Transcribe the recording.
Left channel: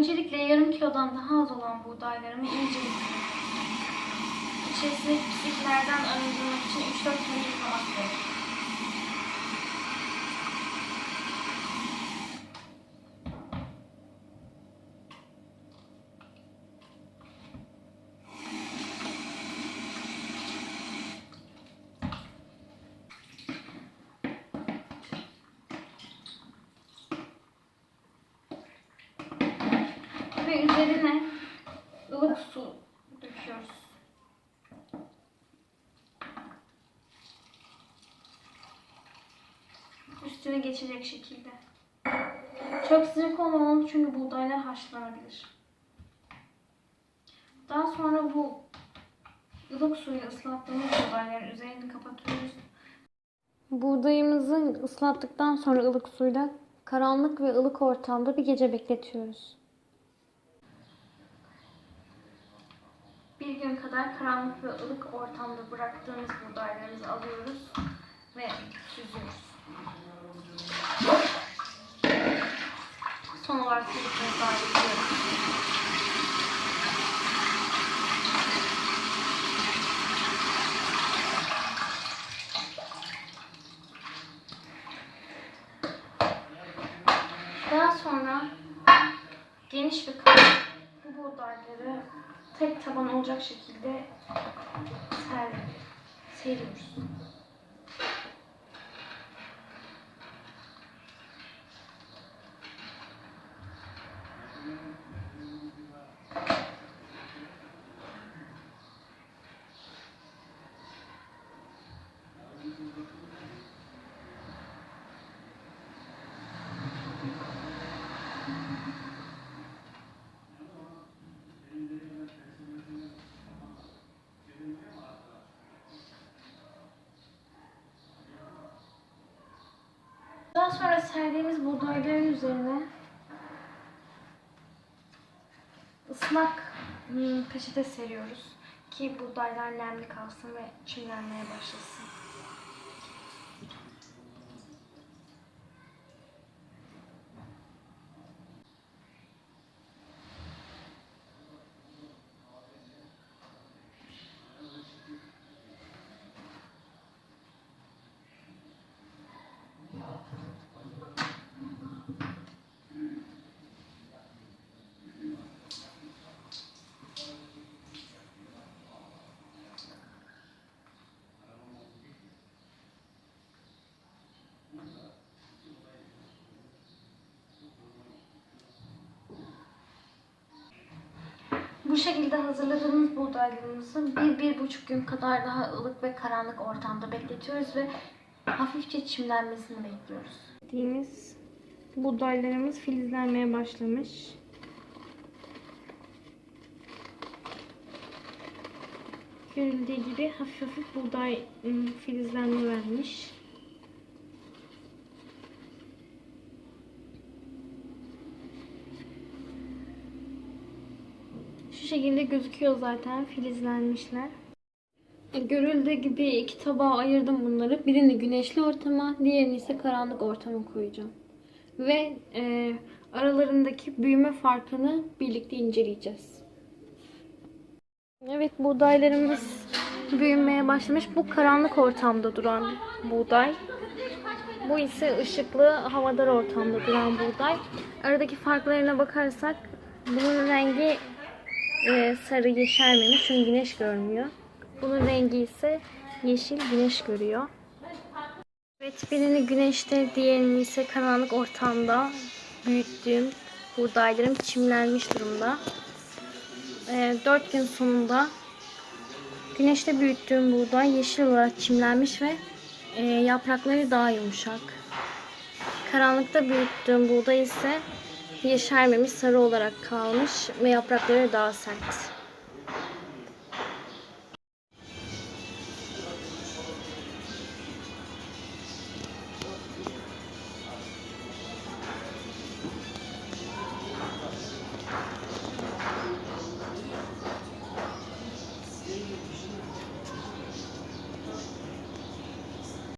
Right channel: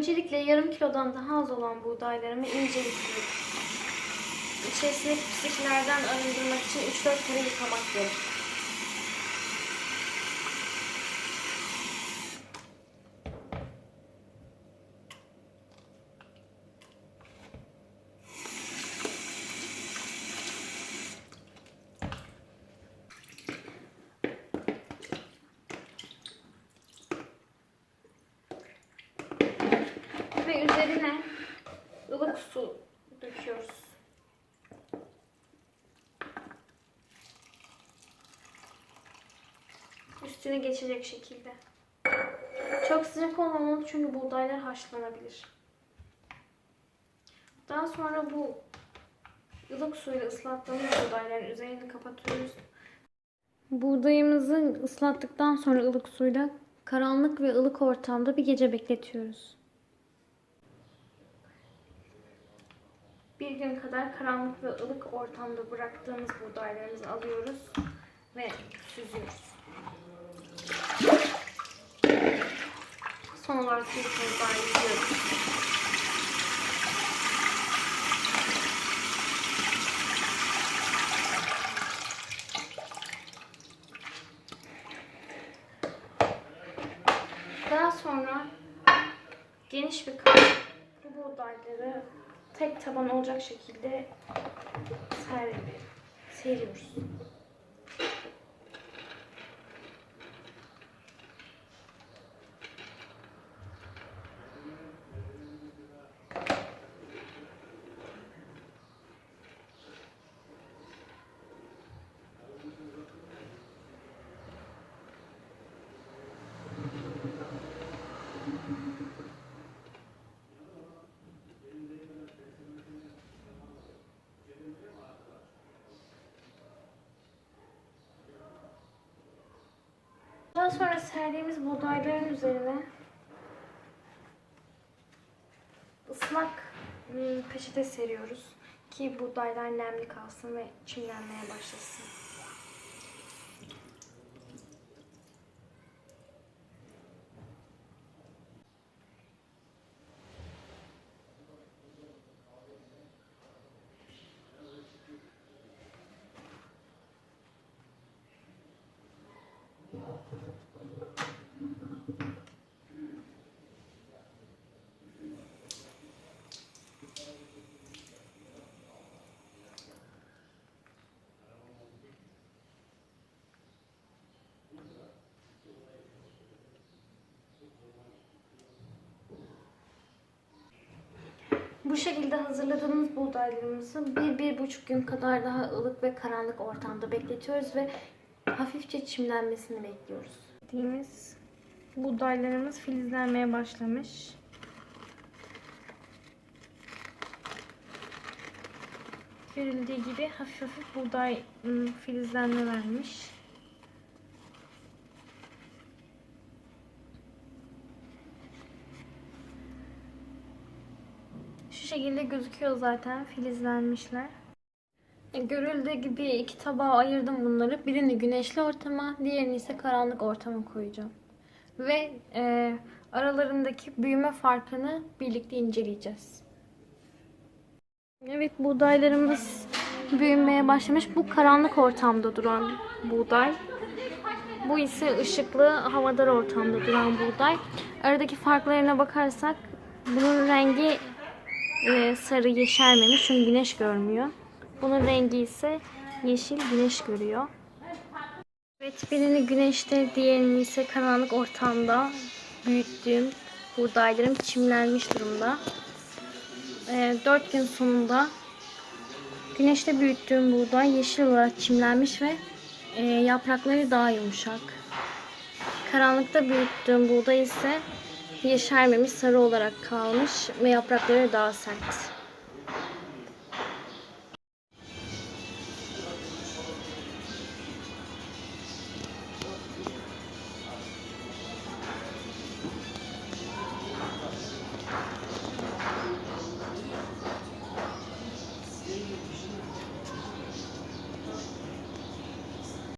Öncelikle yarım kilodan daha az olan buğdaylarımı ince yıkıyorum. İçerisindeki pisliklerden arındırmak için 3-4 kere yıkamak gerek. Ve üzerine ılık su döküyoruz. Üstüne geçecek şekilde. Çok sıcak olmamalı çünkü buğdaylar haşlanabilir. Daha sonra bu ılık suyla ıslattığımız buğdayların üzerini kapatıyoruz. Buğdayımızı ıslattıktan sonra ılık suyla karanlık ve ılık ortamda bir gece bekletiyoruz. Bir gün kadar karanlık ve ılık ortamda bıraktığımız buğdaylarımızı alıyoruz ve süzüyoruz. Son olarak bir kez daha sonra geniş bir kap bu buğdayları tek taban olacak şekilde ser, seriyoruz. Daha sonra serdiğimiz buğdayların üzerine ıslak hmm, peçete seriyoruz ki buğdaylar nemli kalsın ve çimlenmeye başlasın. Şekilde hazırladığımız buğdaylarımızı bir, bir buçuk gün kadar daha ılık ve karanlık ortamda bekletiyoruz ve hafifçe çimlenmesini bekliyoruz. Dediğimiz buğdaylarımız filizlenmeye başlamış. Görüldüğü gibi hafif hafif buğday ım, filizlenme vermiş. Şu şekilde gözüküyor zaten filizlenmişler. Görüldüğü gibi iki tabağa ayırdım bunları. Birini güneşli ortama, diğerini ise karanlık ortama koyacağım. Ve e, aralarındaki büyüme farkını birlikte inceleyeceğiz. Evet buğdaylarımız büyümeye başlamış. Bu karanlık ortamda duran buğday. Bu ise ışıklı havadar ortamda duran buğday. Aradaki farklarına bakarsak bunun rengi e, sarı yeşermemiş çünkü güneş görmüyor. Bunun rengi ise yeşil güneş görüyor. Evet birini güneşte diğerini ise karanlık ortamda büyüttüğüm buğdaylarım çimlenmiş durumda. E, 4 gün sonunda güneşte büyüttüğüm buğday yeşil olarak çimlenmiş ve e, yaprakları daha yumuşak. Karanlıkta büyüttüğüm buğday ise yeşermemiş sarı olarak kalmış ve yaprakları daha sert.